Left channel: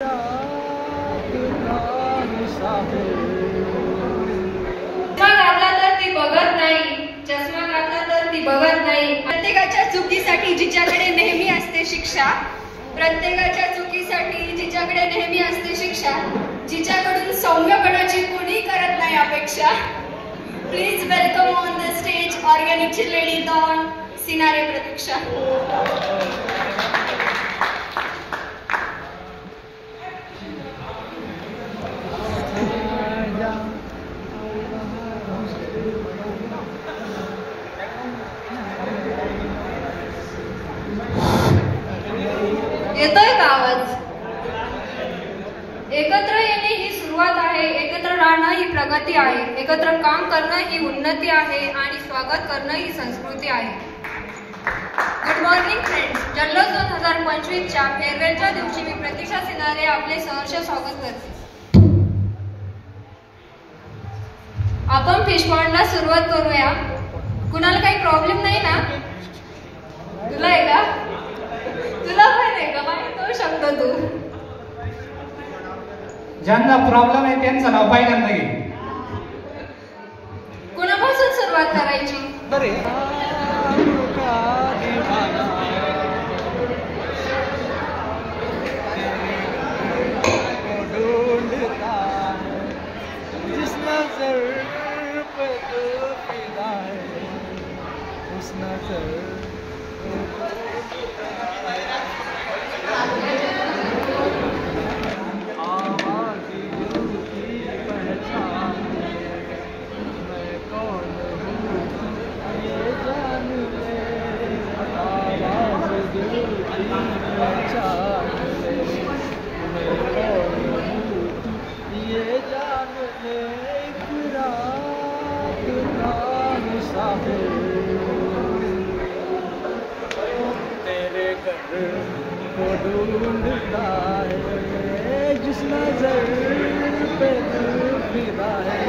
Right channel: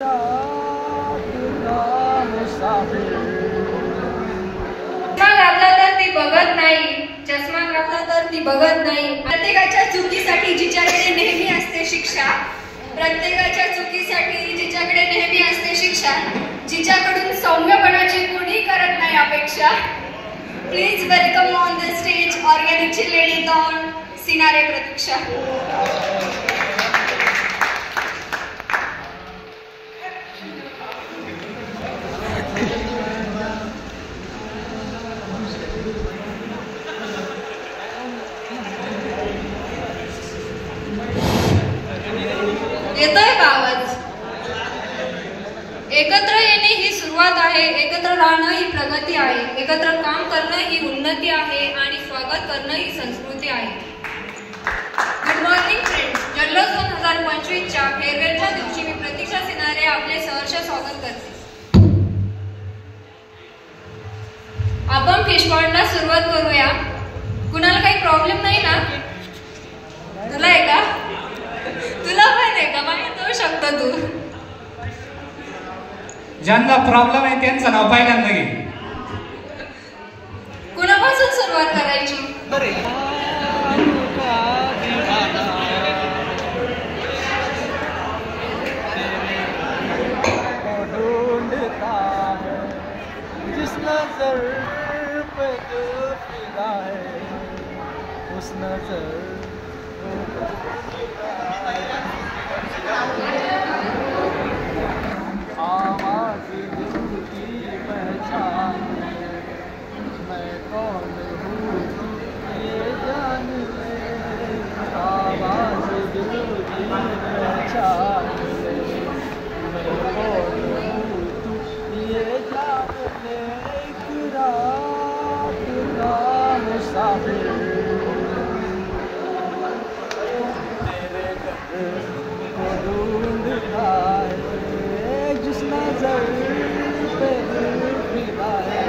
बघत नाही. प्रत्येकाच्या चुकीसाठी जिच्याकडे नेहमी असते शिक्षा, प्रत्येकाच्या चुकीसाठी जिच्याकडे नेहमी असते शिक्षा, जिच्याकडून सौम्यपणाची कोणी करत नाही अपेक्षा. Please welcome on the stage ऑर्गॅनिकची लेडी डॉन सिनारे प्रतीक्षा. येतोय का आवाज? एकत्र येणे ही सुरुवात आहे, एकत्र राहणं ही प्रगती आहे, एकत्र काम करणं ही उन्नती आहे आणि स्वागत करणं ही संस्कृती आहे. Good morning friends. जल्लोष 2025 च्या फेअरवेलच्या दिवशी मी प्रतीक्षा सिनारे आपले सहर्ष स्वागत करते. आपण फिशपॉंडला सुरुवात करूया. कुणाला काही प्रॉब्लेम नाही ना? तुला आहे का? तुला पण आहे का? माहिती होऊ शकतो तू. ज्यांना प्रॉब्लेम आहे त्यांचं नाव पहिल्यांदा घे. कुणापासून सुरुवात करायची? जिस नजर पे तू फिदा है उस नजर आवाज दिल की पहचान मैं कौन हूँ ये जान ले. आवाज दिल की पहचान मैं कौन हूँ ये जान ले. एक रात का मुसाफिर तेरे घर को ढूंढता है. जिस नजर पे दिल फिदा है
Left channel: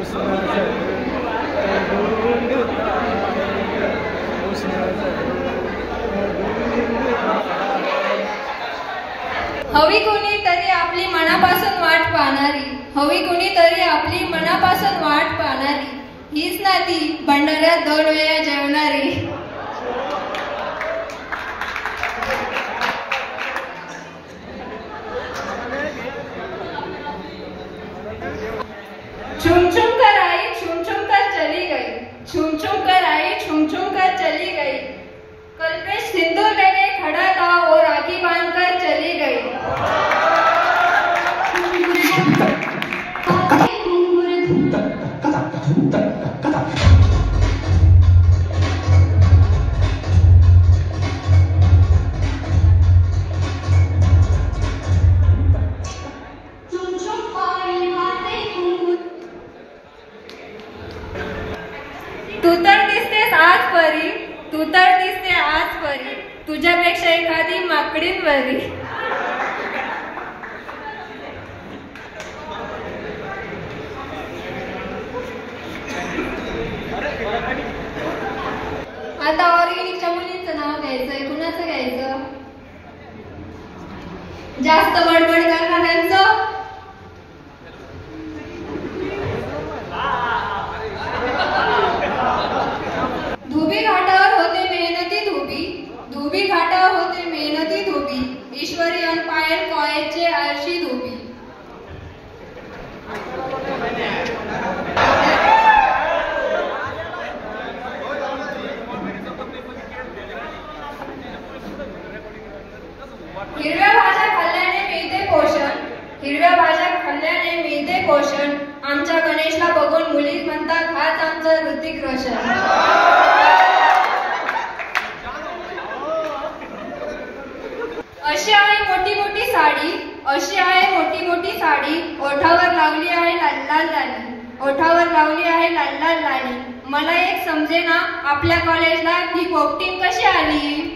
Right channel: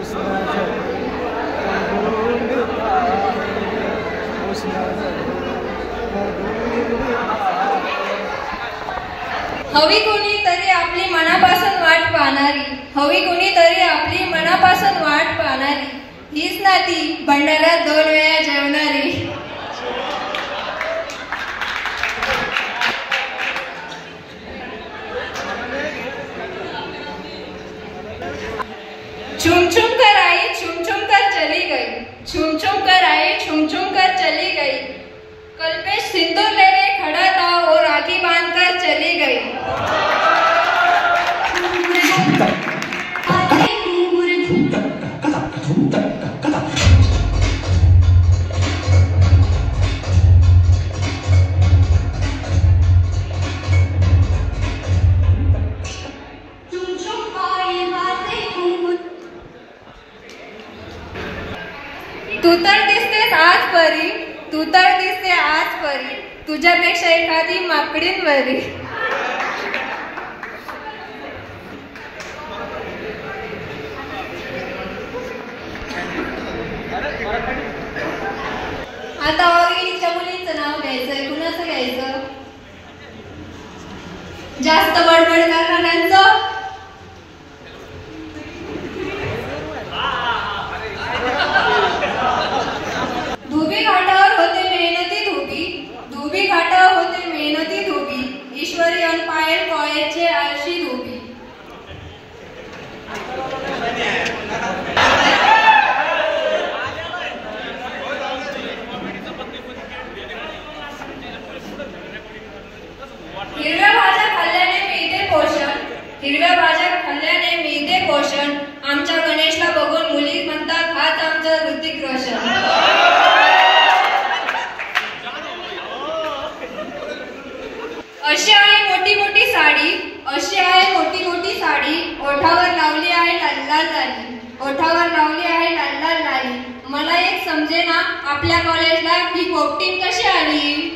उस नजर को ढूंढता है, उस नजर को ढूंढता है. हवी कोणीतरी आपली मनापासून वाट पाहणारी, हवी कोणीतरी आपली मनापासून वाट पाहणारी, हीच ना ती भंडाऱ्यात 2 वेळा जेवणारी. छुम छुम कर आई छुम छुम कर चली गई, छुम छुम कर आई छुम छुम कर चली गई. कल्पेश सिंदूर लेके खड़ा था और राखी बांध कर चली गई. तू तर दिसतेस आज परी, तू तर दिसते आज परी, तुझ्यापेक्षा एखादी माकडीन बरी. आता ऑर्गॅनिकच्या मुलींचं नाव घ्यायचंय. कुणाचं घ्यायचं? जास्त बडबड करणाऱ्यांचं. धुबी घाटावर होते मेहनती धुबी, धुबी घाटावर होते मेहनती धुबी, ईश्वरी अनपायल कॉलेजचे आळशी धुबी. हिरव्या भाज्या खाल्ल्याने मिळते पोषण, हिरव्या भाज्या खाल्ल्याने मिळते पोषण, आमच्या गणेशला बघून मुली म्हणतात हाच आमचा ऋतिक रोशन. अशी आहे मोठी मोठी साडी, अशी आहे मोठी मोठी साडी, ओठावर लावली आहे लाल लाल लाली, ओठावर लावली आहे लाल लाल लाली. मला एक समजेना आपल्या कॉलेजला ही पोपटीन कशी आली.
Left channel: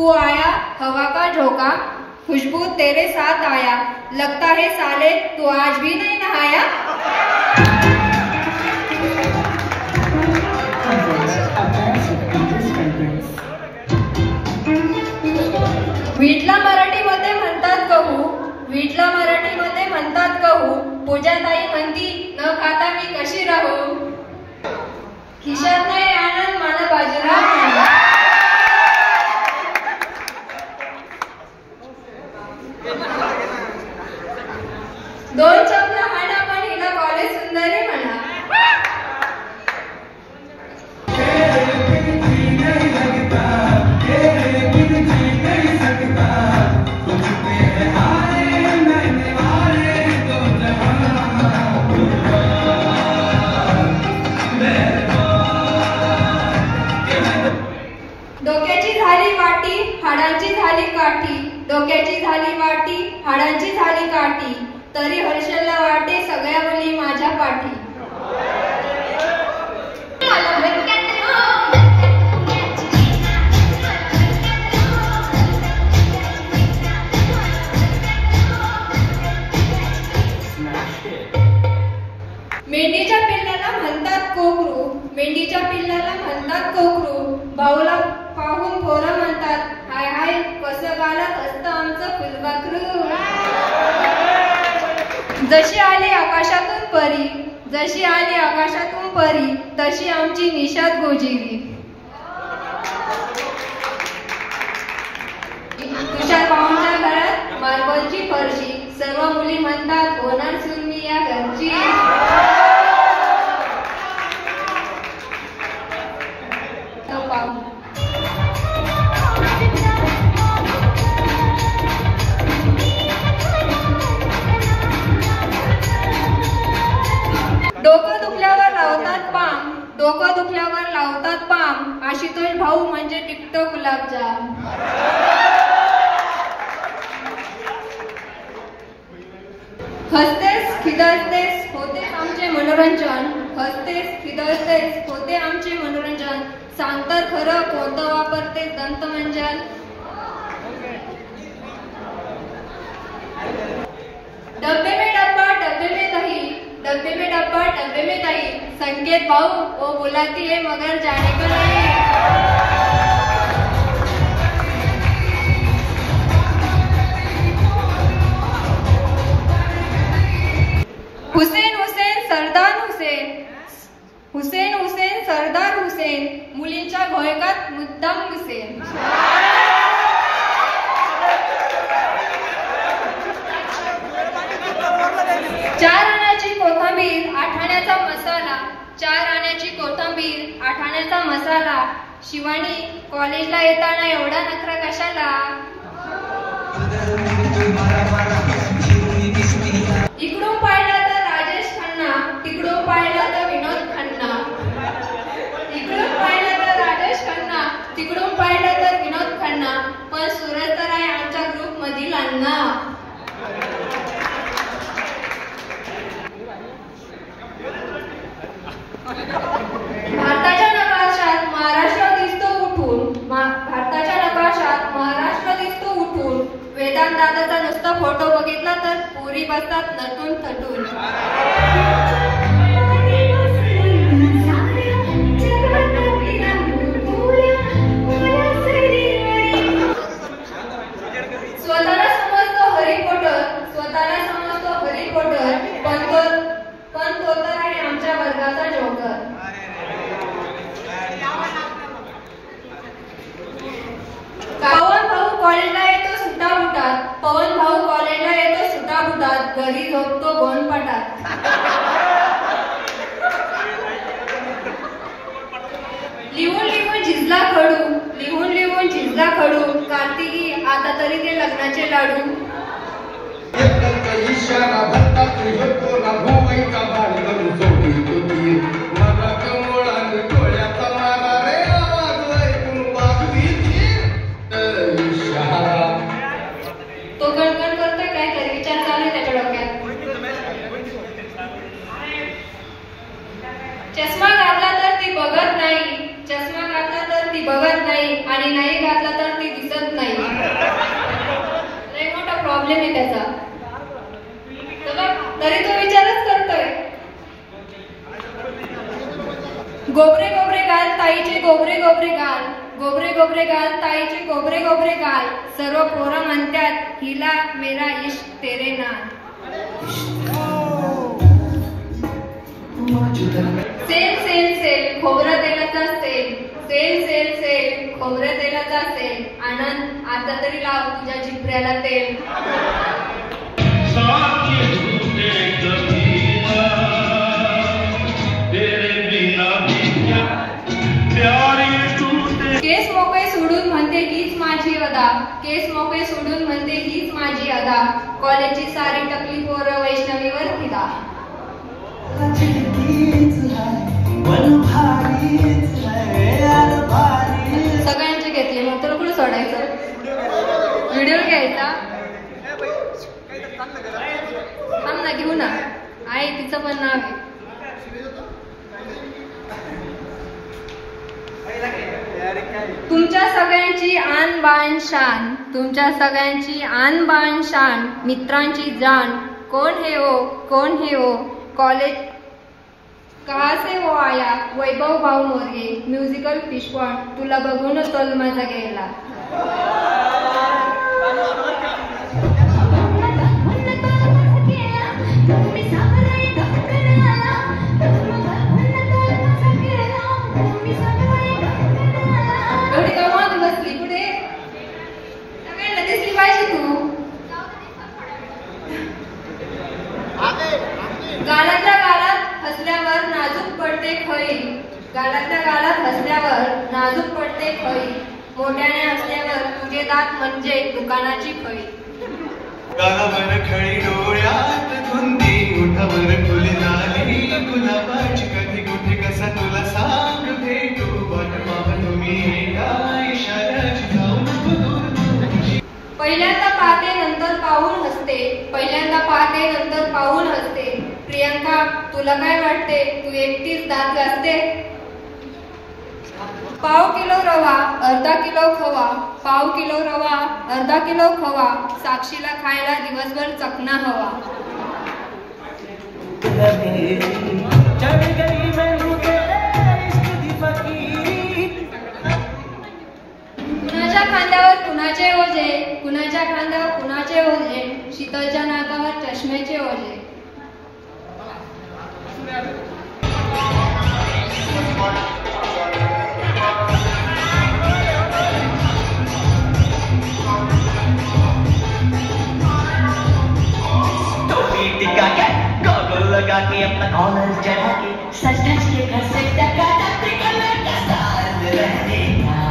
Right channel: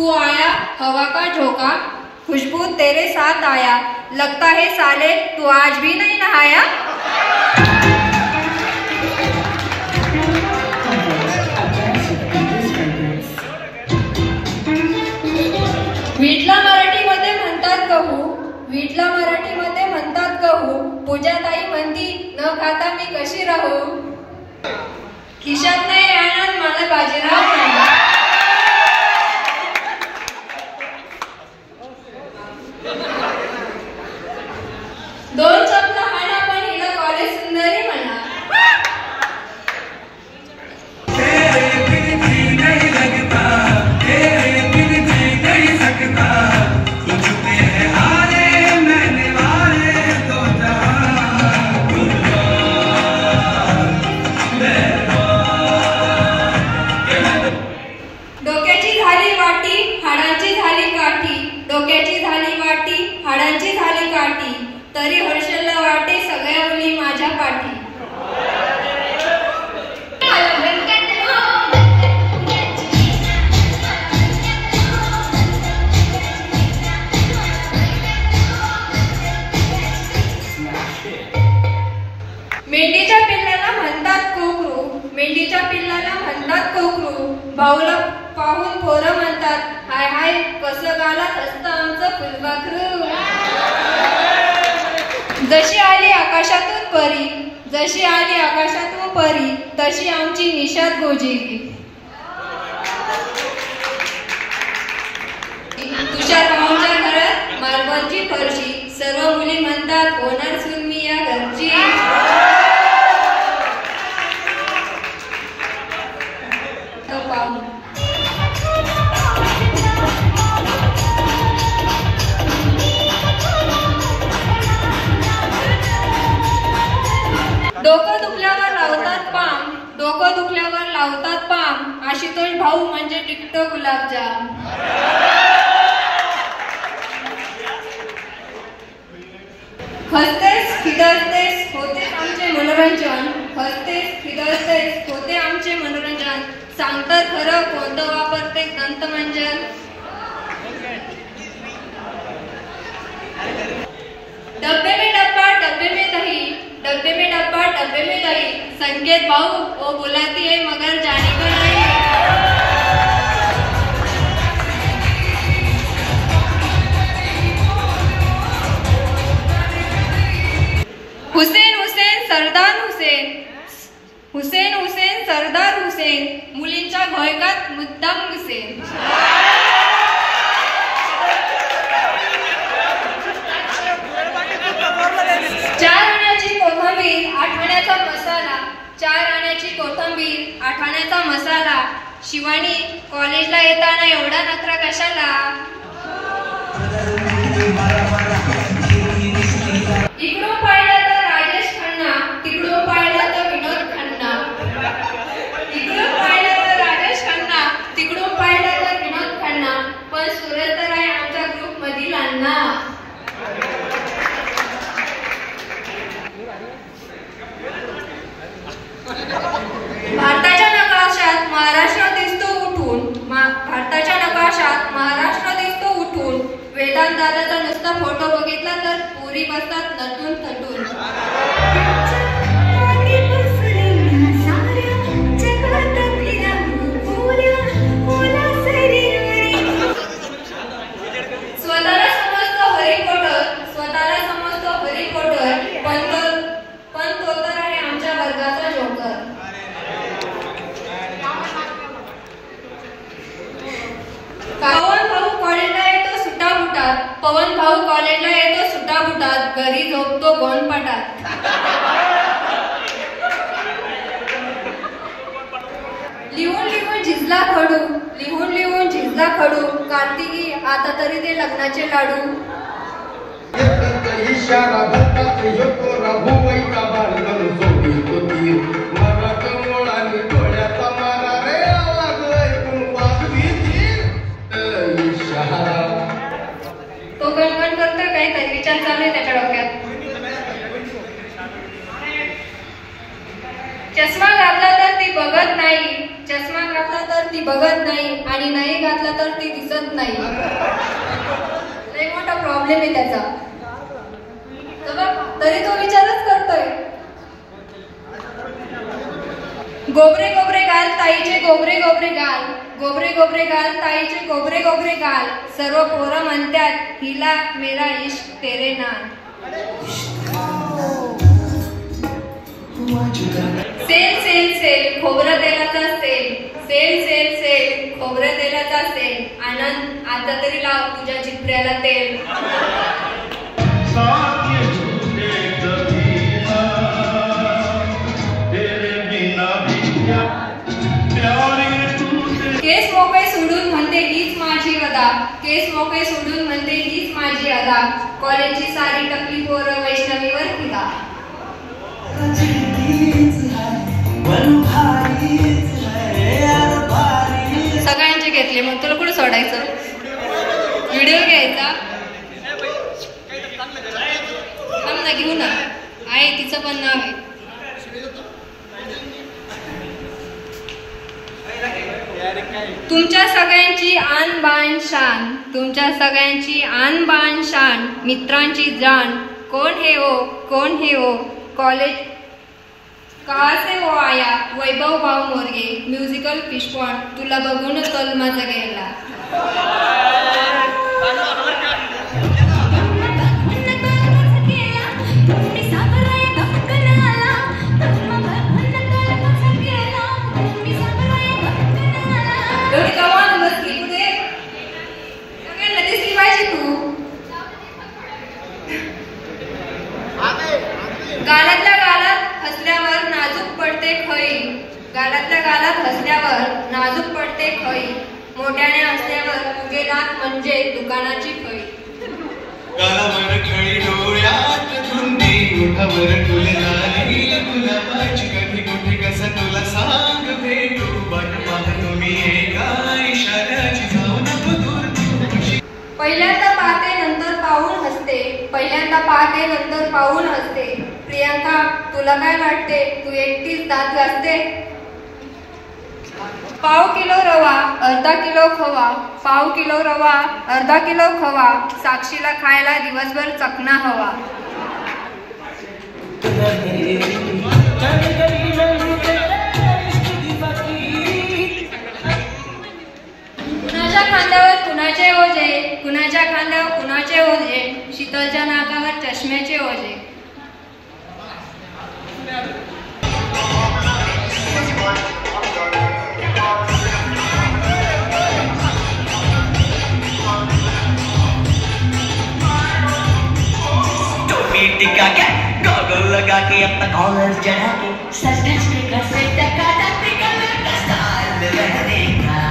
तू आया हवा का झोंका, खुशबू तेरे साथ आया, लगता है साले तू आज भी नहीं नहाया। विटला मराठीमध्ये म्हणतात गहू, विटला मराठीमध्ये म्हणतात गहू, पूजाताई म्हणती न खाता मी कशी राहू, खिशात नाही आनंद मला बाजीराव नाही। दोन चपल हाणा पण हिला कॉलेज सुंदरी म्हणा। डोक्याची झाली वाटी हाडांची झाली काठी, डोक्याची झाली वाटी हाडांची झाली काठी, तरी हर्षलला वाटे सगळ्या मुली माझ्या पाठी। मेंढीच्या पिल्लाला म्हणतात कोकरू, मेंढीच्या पिल्लाला म्हणतात कोकरू, भाऊला पाहून पोरं म्हणतात हाय हाय कसं गालात असतं आमचं फुलपाखरू। जशी आली आकाशातून परी, जशी आली आकाशातून परी, तशी आमची निशाद गोजिली। तुषार पाहुणच्या घरात मार्बलची फरशी, सर्व मुली म्हणतात होणार सून मी या घरची। डोकं दुखल्यावर लावतात पाम, डोकं दुखल्यावर लावतात पाम, आशुतोष भाऊ म्हणजे टिकतो गुलाबजाम। हसतेस खिदळतेस होते आमचे मनोरंजन, हसतेस खिदळतेस होते आमचे मनोरंजन, सांगतात खरं कोणतं वापरते दंतमंजन। डब्बे में डब्बा डब्बे में दही, डब्बे में डब्बा डब्बे में दही, संकेत भाऊ वो बुलाती है मगर जाने को नहीं। हुसेन हुसेन सरदार हुसेन, हुसेन हुसेन सरदार हुसेन, मुलींच्या घोळकात मुद्दाम हुसेन। चार आण्याची कोथिंबीर आठवण्याचा मसाला, चार आण्याची कोथिंबीर आठवण्याचा मसाला, शिवानी कॉलेजला येताना एवढा नखरा कशाला। इकडून पाहिलं तर राजेश खन्ना, तिकडून पाहिलं तर विनोद खन्ना, इकडून पाहिलं तर राजेश खन्ना, तिकडून पाहिलं तर विनोद खन्ना, पण सूरज तर आहे आमच्या ग्रुप मधील अण्णा। भारताच्या नकाशात महाराष्ट्र दिसतो उठून, भारताच्या नकाशात महाराष्ट्र दिसतो उठून, वेदांत दादाचा नुसता फोटो बघितला तर पुरी बसतात नटून थटून। स्वतःला समजतो हरी पोटर, स्वतःला समजतो हरी पोटर, पण तो तर आहे आमच्या वर्गाचा जोकर। पवन भाऊ कॉलेजला येतो सुटाबुटात, पवन भाऊ कॉलेजला येतो सुटाबुटात, घरी झोपतो गोंडपाटात। लिहून लिहून झिजला खडू, लिहून लिहून झिजला खडू, कार्तिकी आता तरी ते लग्नाचे लाडू। तो गणगण करतोय काहीतरी विचार चालू आहे त्याच्या डोक्यात। चष्मा घातला तर ती बघत नाही, चष्मा घातला तर ती ती बघत नाही आणि नाही घातला तर ती दिसत नाही. लय मोठा प्रॉब्लेम आहे त्याचा. तर बघ, तरी तो विचारच करतोय. गोबरे गोबरे गाल ताईचे गोबरे गोबरे गाल, गोबरे गोबरे गाल ताईचे गोबरे गोबरे गाल, सर्व पोरं म्हणतात हिला मेरा इश्क तेरे नाम. सेल सेल सेल खोबरं तेलाचा सेल, सेल सेल सेल खोबरं तेलाचा सेल. आनंद आता तरी लाव तुझ्या चिपऱ्याला तेल. केस मोकळे सोडून म्हणते हीच माझी अदा, केस मोकळे सोडून म्हणते हीच माझी अदा. कॉलेजची सारी टकली पोरं वैष्णवीवर फिदा. सगळ्यांचे घेतले, मग तुला कुठे सोडायचं? व्हिडिओ घ्यायचा. थांब ना, घेऊ ना. आहे तिचं पण नाव आहे. तुमच्या सगळ्यांची आन बान शान, तुमच्या सगळ्यांची आन बान शान, मित्रांची जान. कोण हे हो, कोण हे हो, कॉलेज कहा से हो आया, वैभव भाऊ मोरगे, म्युझिकल फिशपॉट. तुला बघून तल माझा गेला. एवढी कमाल बसली कुठे? सगळ्यांना दिसली पाहिजे तू. गालातल्या गालात हसल्यावर नाजूक पडते खळी, गालातल्या गालात हसल्यावर नाजूक पडते खळी. मोठ्याने हसल्यावर तुझे दात म्हणजे दुकानाची फळी. गालावर खळी डोळ्यात धुंदी, ओठावर फुलदाणी गुलाबाची. कधी कुठे कसा तुला सांग भेटू, तुम्ही एका इशाऱ्याची जाऊन दूर. पहिल्यांदा पाहते नंतर पाहून हसते, पहिल्यांदा पाहते नंतर पाहून हसते. प्रियांका तुला काय वाटते, तू एकटीच दात घासते? पाव किलो रवा अर्धा किलो खवा, पाव किलो रवा अर्धा किलो खवा. साक्षीला खायला दिवसभर चकना हवा. कुणाच्या खांद्यावर कुणाचे ओझे, कुणाच्या खांद्यावर कुणाचे ओझे. शीतलच्या नाकावर चष्म्याचे ओझे. टिका के गॉगल लगा के अपना कॉलर चढ़ा के सच धज के घर से टका टका लगा. स्टाइल में रहने का,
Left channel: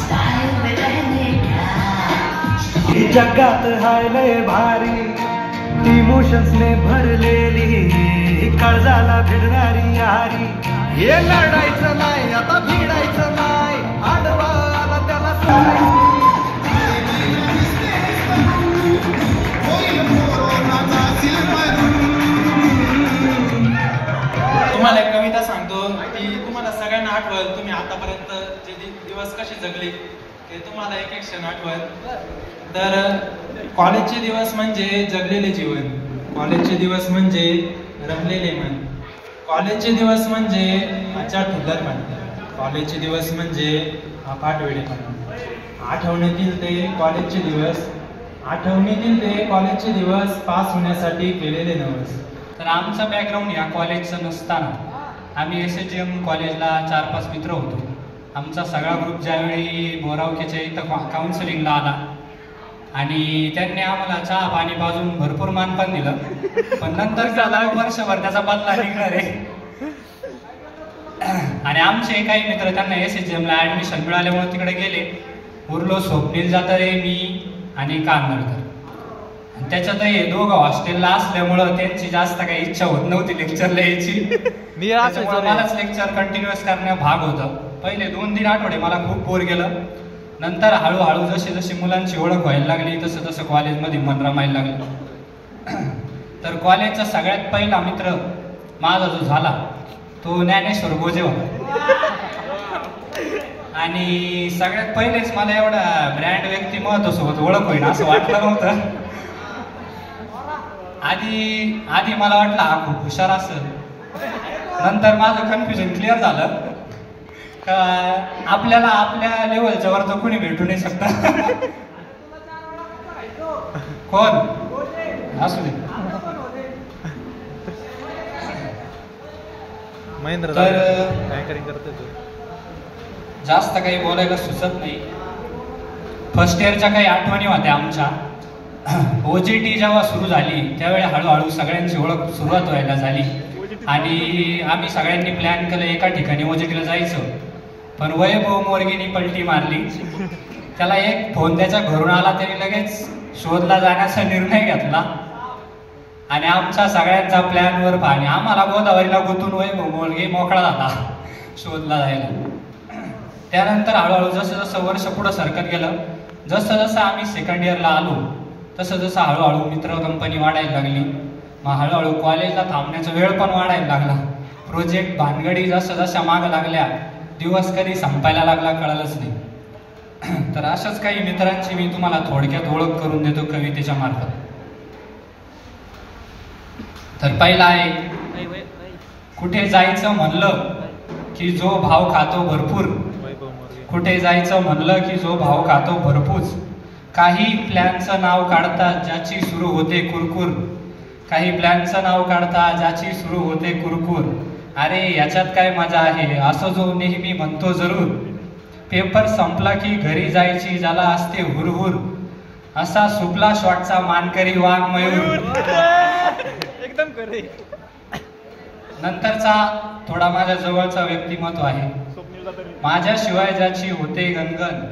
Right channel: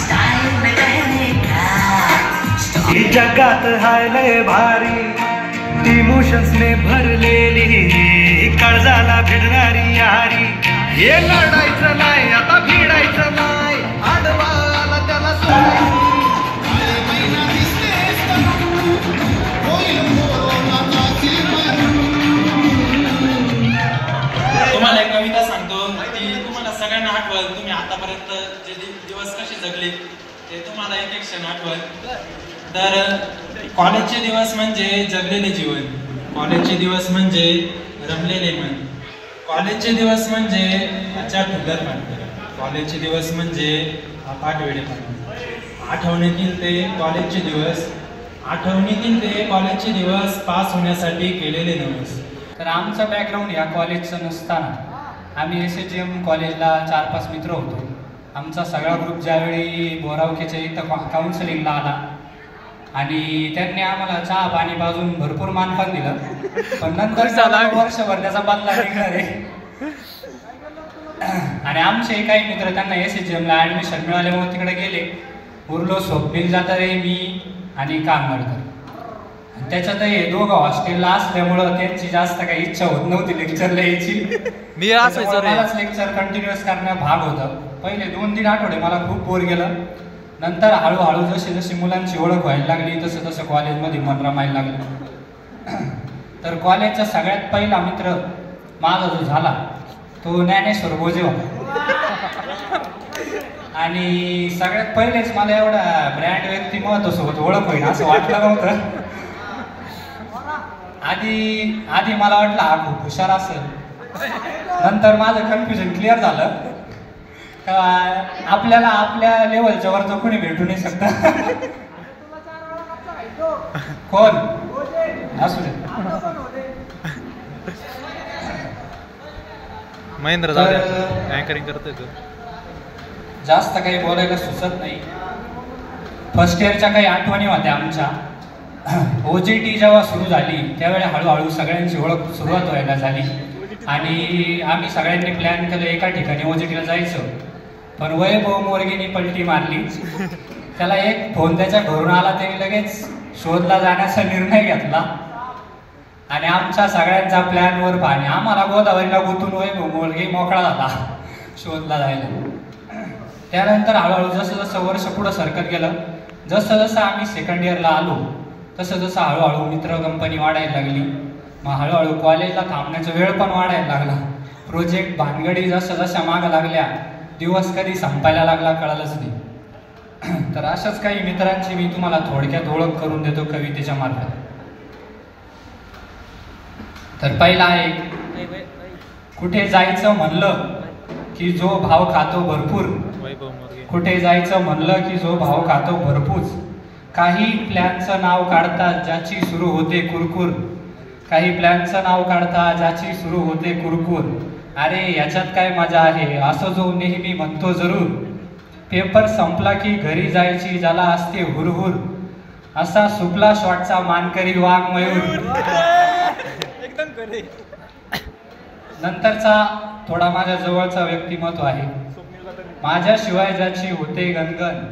स्टाइल में रहने का. जगात हाय लय भारी, इमोशन्सने भरलेली, काळजाला भिडणारी यारी. हे लढायचं नाही आता, भिडायचं नाही, आडवा आला त्याला सोडायचं. तुम्हाला एक कविता सांगतो, ती तुम्हाला सगळ्यांना आठवल. तुम्ही आतापर्यंत जे दिवस कसे जगले ते तुम्हाला एक एक क्षण आठवल. तर कॉलेजचे दिवस म्हणजे जगलेले जीवन, कॉलेजचे दिवस म्हणजे रमलेले मन, कॉलेजचे दिवस म्हणजे आचार ठुलरपण, कॉलेजचे दिवस म्हणजे अफाट वेडेपण. आठवणीतील ते कॉलेजचे दिवस, आठवणीतील ते कॉलेजचे दिवस, पास होण्यासाठी केलेले नवस. तर आमचं बॅकग्राऊंड या कॉलेजचं नसताना आम्ही SHM कॉलेजला 4-5 मित्र होतो. आमचा सगळा ग्रुप ज्यावेळी बोरावखेच्या इथं काउन्सिलिंगला आला आणि त्यांनी आम्हाला चहा पाणी पाजून भरपूर मानपान दिलं, पण नंतर वर्षभर त्याचा बदला निघणार आहे. आणि आमचे काही मित्र त्यांना SHMला ॲडमिशन मिळाल्यामुळे तिकडे गेले. उरलो स्वप्नील जातारे, मी आणि कानमडकर. त्याच्यात हे दोघं हॉस्टेलला असल्यामुळं त्यांची जास्त काही इच्छा होत नव्हती लेक्चरला यायची. मी असायचो रे. मलाच लेक्चर कंटिन्युअस करण्या भाग होतं. पहिले 2-3 आठवडे मला खूप बोर गेलं. नंतर हळूहळू जशी जशी मुलांची ओळख व्हायला लागली तसं तसं कॉलेजमध्ये मन रमायला लागलं. तर कॉलेजचा सगळ्यात पहिला मित्र माझा जो झाला तो ज्ञानेश्वर गोजे होता. आणि सगळ्यात पहिलेच मला एवढा ब्रँड व्यक्तिमत्वासोबत ओळख होईल असं वाटलं नव्हतं. आधी मला वाटलं हा खूप हुशार असेल. नंतर माझं कन्फ्युजन क्लिअर झालं का आपल्याला आपल्या लेवलच्या वर तर कोणी भेटू नाही शकत. कोण असू दे. महेंद्र अँकरिंग करतोय तू. जास्त काही बोलायला सुचत नाही. फर्स्ट इयरच्या काही आठवणी होत्या आमच्या. OJT जेव्हा सुरू झाली त्यावेळी हळूहळू सगळ्यांची ओळख सुरुवात व्हायला झाली आणि आम्ही सगळ्यांनी प्लॅन केलं एका ठिकाणी OJTला जायचं. पण वैभव मोरगीनी पलटी मारली. त्याला एक फोन त्याच्या घरून आला तरी लगेच शोधला जाण्याचा निर्णय घेतला आणि आमच्या सगळ्यांचा प्लॅनवर पाणी. आम्हाला गोदावरीला गुंतून वैभव मोरगी मोकळा झाला शोधला जायला. त्यानंतर हळूहळू जसं जसं वर्ष पुढं सरकत गेलं, जसं जसं आम्ही सेकंड इयरला आलो तसं जसं हळूहळू मित्र कंपनी वाढायला लागली. मग हळूहळू कॉलेजला थांबण्याचा वेळ पण वाढायला लागला. प्रोजेक्ट भानगडी जसं जशा मागं लागल्या दिवस कधी संपायला लागला कळालंच नाही. तर अशाच काही मित्रांची मी तुम्हाला थोडक्यात ओळख करून देतो कवितेच्या मार्फत. तर पहिला आहे, कुठे जायचं म्हणलं की जो भाव खातो भरपूर. कुठे जायचं म्हणलं की जो भाव खातो भरपूर. काही प्लॅनचं नाव काढतात ज्याची सुरू होते कुरकुर. काही प्लॅनचं नाव काढतात ज्याची सुरू होते कुरकुर. अरे याच्यात काय मजा आहे असं जो नेहमी म्हणतो जरूर. पेपर संपला की घरी जायची ज्याला असते हुरहुर. असा सुपला शॉटचा मानकरी वाघ मयूर. नंतरचा थोडा माझ्या जवळचा व्यक्तिमत्व आहे. माझ्याशिवाय ज्याची होते गणगण.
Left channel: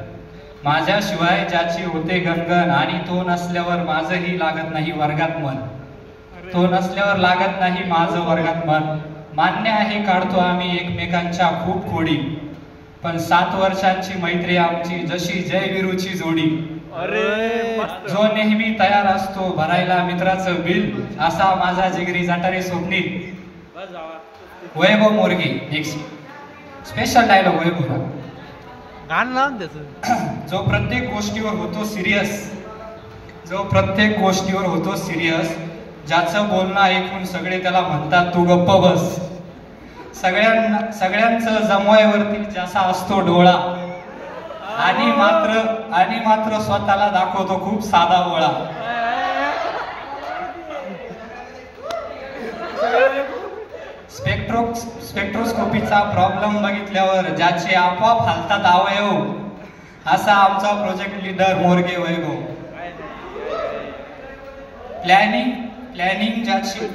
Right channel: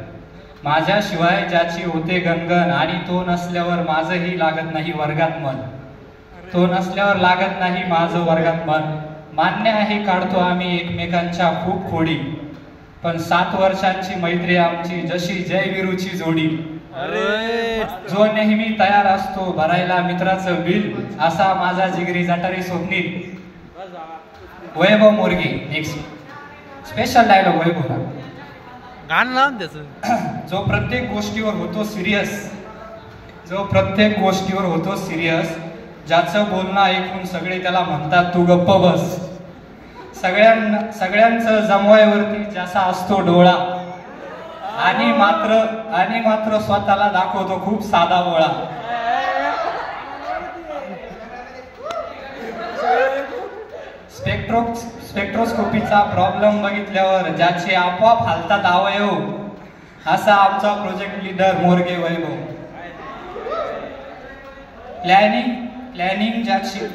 माझ्याशिवाय ज्याची होते गणगण आणि तो नसल्यावर माझंही लागत नाही वर्गात मन. तो नसल्यावर लागत नाही माझं वर्गात मन. मान्य आहे काढतो आम्ही एकमेकांच्या खूप खोडी. पण 7 वर्षांची मैत्री आमची जशी जयवीरूची जोडी. जो नेहमी तयार असतो भरायला मित्राचं बिल. असा माझा जिगरी जाटारी स्वप्नील. वैभव मोरगे. नेक्स्ट स्पेशल डायलॉग वैभव. गाणं लावून त्याचं. जो प्रत्येक गोष्टीवर होतो सिरियस. जो प्रत्येक गोष्टीवर होतो सिरियस. ज्याचं बोलणं ऐकून सगळे त्याला म्हणतात तू गप्प बस. सगळ्यांचं जमवायवरती ज्याचा असतो डोळा. आणि मात्र स्वतःला दाखवतो खूप साधा बोळा. स्पेक्ट्रोस्कोपीचा प्रॉब्लेम बघितल्यावर ज्याचे आपोआप हालतात अवयव. असा आमचा प्रोजेक्ट लीडर मोरगे वैभव.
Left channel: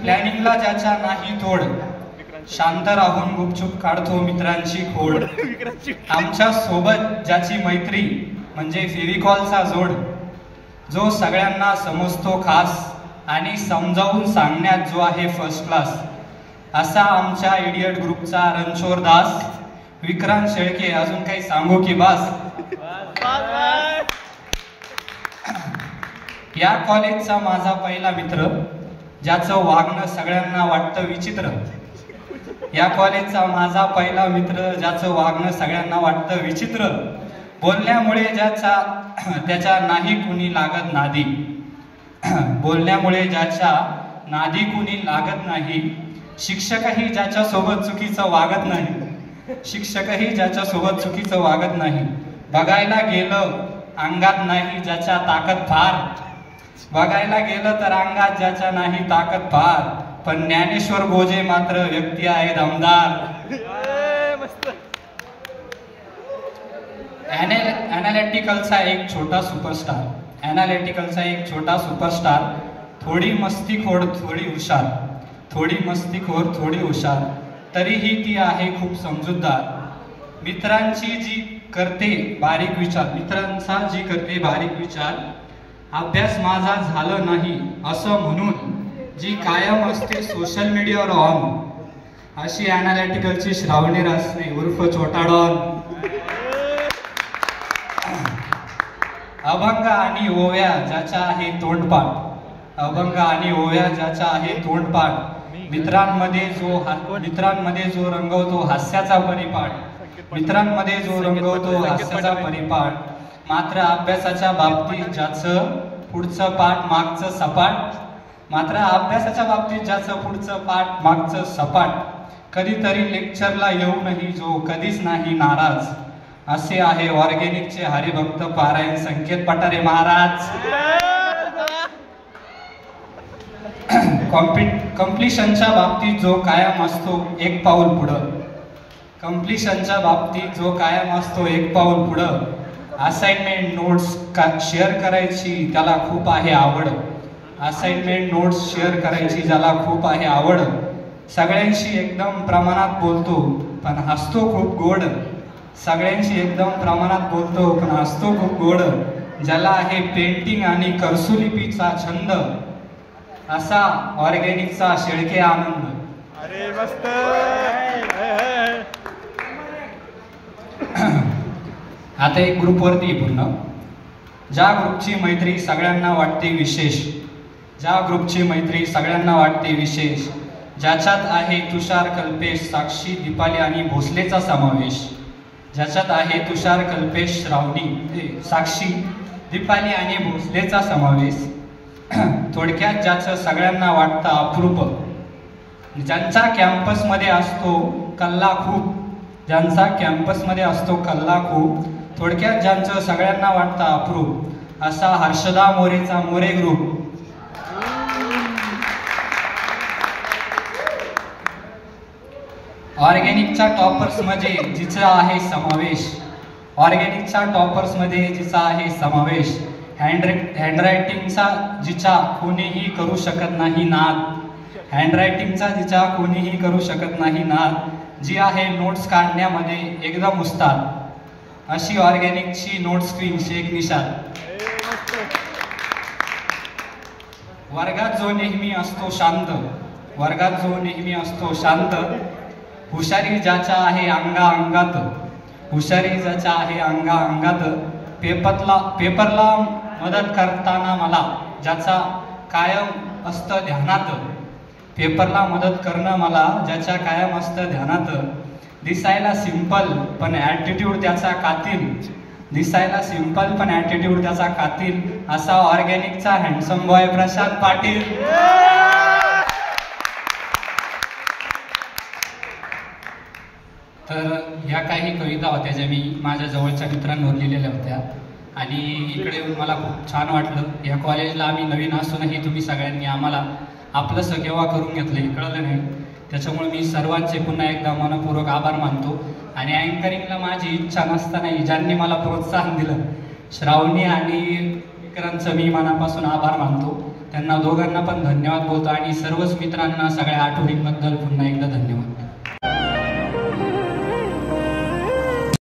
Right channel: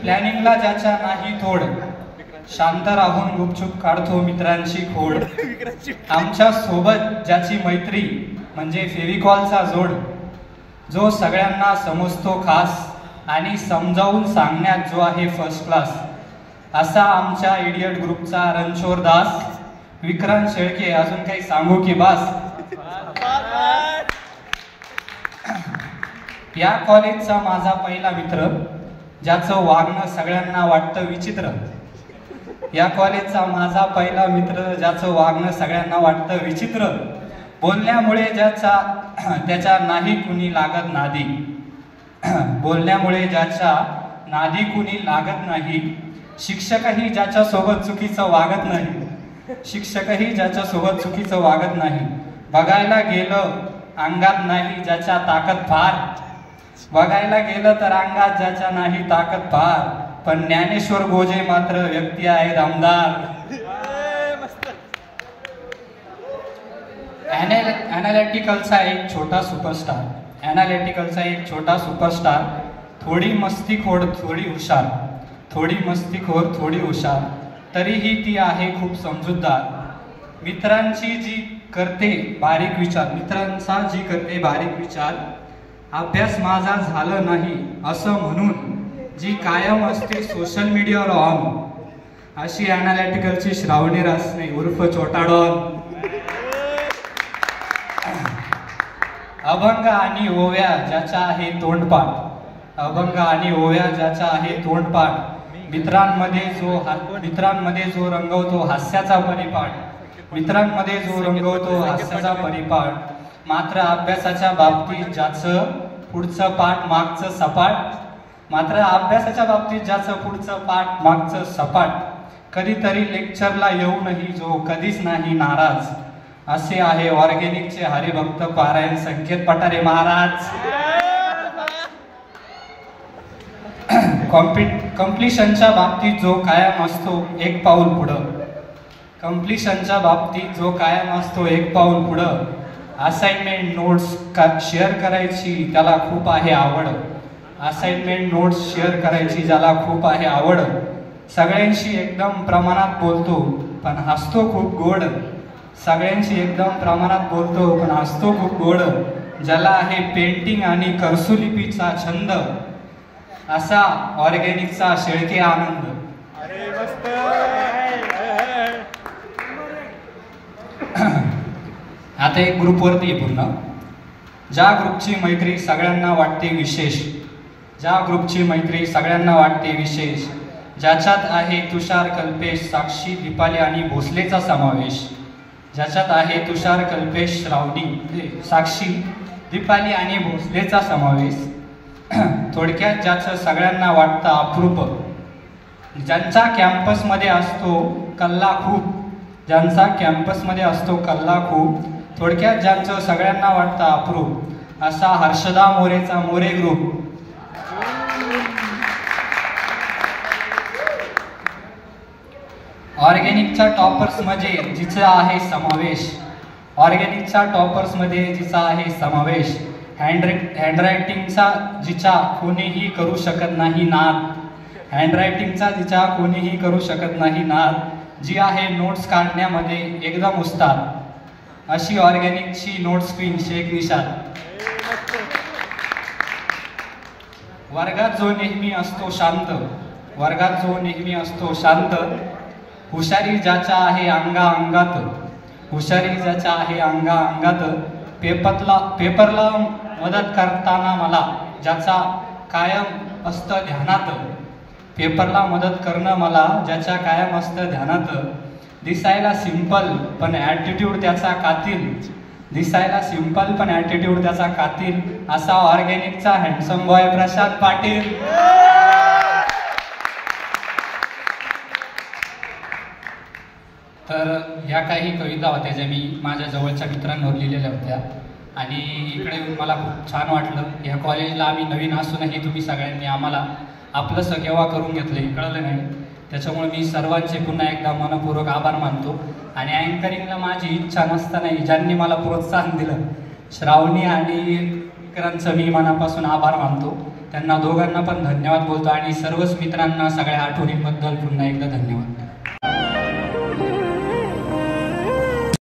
प्लॅनिंगला ज्याच्या नाही थोड. शांत राहून गुपचूप काढतो मित्रांची खोड. आमच्या सोबत ज्याची मैत्री म्हणजे फेविकॉलचा जोड. जो सगळ्यांना समजतो खास आणि समजावून सांगण्यात जो आहे फर्स्ट क्लास. असा आमच्या इडियट ग्रुपचा रणछोड दास. विक्रांत शेळके. अजून काही सांगू की बास. या कॉलेजचा माझा पहिला मित्र ज्याचं वागणं सगळ्यांना वाटतं विचित्र. या कॉलेजचा माझा पहिला मित्र ज्याचं वागणं सगळ्यांना वाटतं विचित्र. बोलण्यामुळे त्याच्या नाही कुणी लागत नादी. बोलण्यामुळे ज्याच्या नादी कुणी लागत नाही. शिक्षकही ज्याच्या सोबत चुकीचं वागत नाही. शिक्षकही ज्याच्या सोबत चुकीचं वागत नाही. बघायला गेलं अंगात नाही ज्याच्या ताकद फार. बघायला गेलं तर अंगात ज्याच्या नाही ताकद फार. पण ज्ञानेश्वर गोजे मात्र व्यक्ती आहे दमदार. ॲनालिटिकलचा एक छोटा सुपरस्टार. ॲनालिटिकलचा एक छोटा सुपरस्टार. थोडी मस्तीखोर थोडी हुशार. थोडी मस्तीखोर थोडी हुशार. तरीही ती आहे खूप समजूतदार. मित्रांचा जी करते बारीक विचार. अभ्यास माझा झालं नाही असं म्हणून जी कायम असते सोशल मीडियावर ऑन. अशी ॲनालिटिकलची श्रावणी रासने उर्फ छोटा डॉन. अभंग आणि ओव्या ज्याचा आहे तोंडपाठ. अभंग आणि ओव्या ज्याचा आहे तोंडपाठ. मित्रांमध्ये जो रंगवतो हास्याचा परिपाठ, मित्रांमध्ये जो रंगवतो हास्याचा परिपाठ, मात्र अभ्यासाच्या बाबतीत ज्याचं पुढचं पाठ मागचं सपाट, मात्र अभ्यासाच्या बाबतीत ज्याचं पुढचं पाठ मागचं सपाट, कधीतरी लेक्चरला येऊनही जो कधीच नाही नाराज, असे आहे ऑर्गेनिकचे हरिभक्त पारायण संकेत पठारे महाराज. कम्प्लिशनच्या बाबतीत जो कायम असतो एक पाऊल पुढं, कम्प्लिशनच्या बाबतीत जो कायम असतो एक पाऊल पुढं, असाइनमेंट नोट्स शेअर करायची त्याला खूप आहे आवड, असाइनमेंट नोट्स शेअर करायची ज्याला खूप आहे आवड, सगळ्यांशी एकदम प्रमाणात बोलतो पण हसतो खूप गोड, सगळ्यांशी एकदम प्रमाणात बोलतो पण हसतो खूप गोड, ज्याला आहे पेंटिंग आणि कर्सुलिपीचा छंद, असा ऑर्गेनिकचा शेळके आनंद. आता एक ग्रुपवरती पूर्ण, ज्या ग्रुपची मैत्री सगळ्यांना वाटते विशेष, ज्या ग्रुपची मैत्री सगळ्यांना वाटते विशेष, ज्याच्यात आहे तुषार, कल्पेश, साक्षी, दीपाली आणि भोसलेचा समावेश, ज्याच्यात आहे तुषार, कल्पेश, श्रावणी, साक्षी, दीपाली आणि भोसलेचा समावेश, थोडक्यात ज्याचं सगळ्यांना वाटतं अप्रूप, ज्यांचा कॅम्पसमध्ये असतो कल्ला खूप, ज्यांचा कॅम्पसमध्ये असतो कल्ला खूप, थोडक्यात ज्यांचं सगळ्यांना वाटतं अप्रूप, असा हर्षदा मोरेचा मोरे ग्रुप. ऑर्गेनिकच्या टॉपर्समध्ये जिचा आहे समावेश, ऑर्गेनिकच्या टॉपर्समध्ये जिचा आहे समावेश, हँडरायटिंगचा जिचा कोणीही करू शकत नाही नाद, हँडरायटिंगचा जिचा कोणीही करू शकत नाही नाद, जी आहे नोट्स काढण्यामध्ये एकदम उस्ताद, अशी ऑर्गेनिकची नोट्स क्वीन शेख निशाद. वर्गात जो नेहमी असतो शांत, वर्गात जो नेहमी असतो शांत, हुशारी ज्याच्या आहे अंगा अंगात, हुशारी ज्याच्या आहे अंगा अंगात, पेपरला मदत करताना मला ज्याचा कायम असतं ध्यानात, पेपरला मदत करणं मला ज्याच्या कायम असतं ध्यानात, दिसायला सिंपल पण ॲटिट्यूड त्याचा कातील, दिसायला सिंपल पण ॲटिट्यूड त्याचा कातील, असा ऑर्गेनिकचा हँडसम बॉय प्रशांत पाटील. तर ह्या काही कविता होत्या ज्या मी माझ्या जवळच्या मित्रांवर लिहिलेल्या होत्या आणि इकडे येऊन मला खूप छान वाटलं. या कॉलेजला आम्ही नवीन असूनही तुम्ही सगळ्यांनी आम्हाला आपलंसं केव्हा करून घेतलं हे कळलं नाही, त्याच्यामुळे मी सर्वांचे पुन्हा एकदा मनपूर्वक आभार मानतो. आणि अँकरिंगला माझी इच्छा नसतानाही ज्यांनी मला प्रोत्साहन दिलं, श्रावणी आणि विक्रांतचं मी मनापासून आभार मानतो. त्यांना दोघांना पण धन्यवाद बोलतो आणि सर्वच मित्रांना सगळ्या आठवणींबद्दल पुन्हा एकदा